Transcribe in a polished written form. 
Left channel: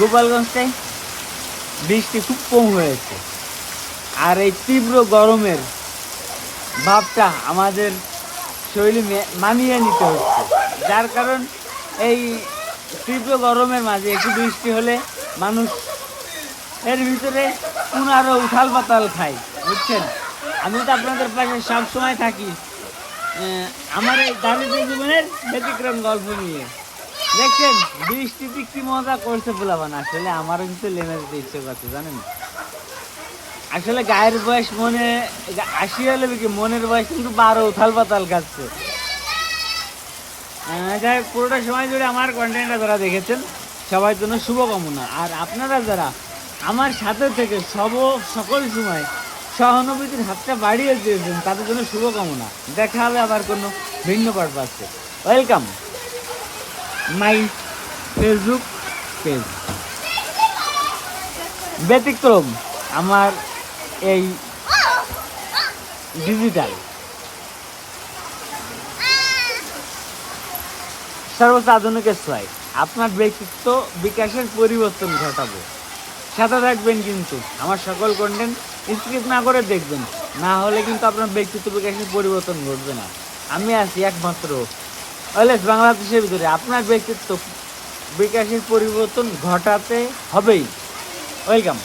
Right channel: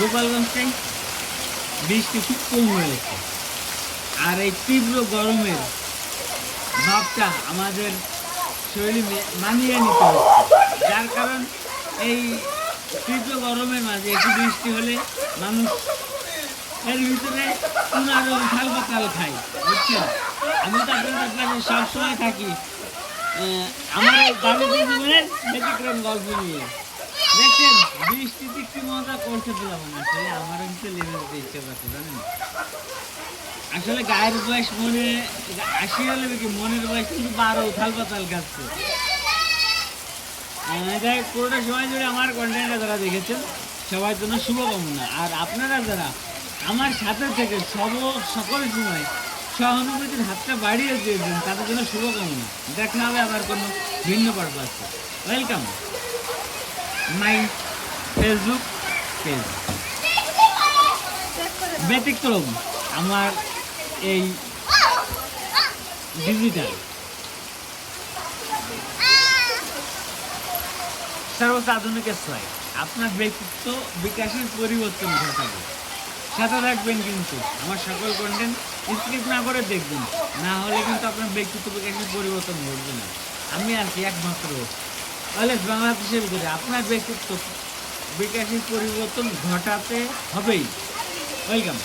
গোপালগঞ্জটায় বৃষ্টি খুব কম হয়েছে, আর এই তীব্র গরমের ভাবটা আমাদের শরীরে মানিয়ে নিতে হচ্ছে, যার কারণ এই তীব্র গরমের মাঝে একটু বৃষ্টি হলে মানুষ এর ভিতরে পুনরায় উথাল পাতাল খায়, বুঝছেন। আমি তো আপনাদের পাশে সবসময় থাকি আমার এই দারিদ্র জীবনের ব্যতিক্রম গল্প নিয়ে। দেখছেন বৃষ্টিতে কি মজা করছে বলাবান, আসলে আমারও কিন্তু লেমে যেতে ইচ্ছে করছে জানেন। আসলে গায়ের বয়স মনে 80 হলে কি মনের বয়স কিন্তু 12 উথাল পাতাল খাচ্ছে। যাই পুরোটা সময় জুড়ে আমার কন্টেন্টটা যারা দেখেছেন সবার জন্য শুভকামনা, আর আপনারা যারা আমার সাথে থেকে সকল সময় সহানুভূতির হাতটা বাড়িয়ে দিয়েছেন তাদের জন্য শুভকামনা। দেখা হবে আবার কোনো ভিন্ন পারপাসে। ওয়েলকাম মাই ফেসবুক পেজ ব্যতিক্রম আমার এই ডিজিটাল সর্বোচ্চ আধুনিকের ছয় আপনার ব্যক্তিত্ব বিকাশের পরিবর্তন ঘটাবে। সাথে থাকবেন কিন্তু আমার সকল কন্টেন্ট স্কিপ না করে দেখবেন, না হলে কিন্তু আপনার ব্যক্তিত্ব বিকাশের পরিবর্তন ঘটবে না। আমি আছি একমাত্র অলওয়েজ বাংলাদেশের ভিতরে আপনার ব্যক্তিত্ব বিকাশের পরিবর্তন ঘটাতে হবেই। ওয়েলকাম।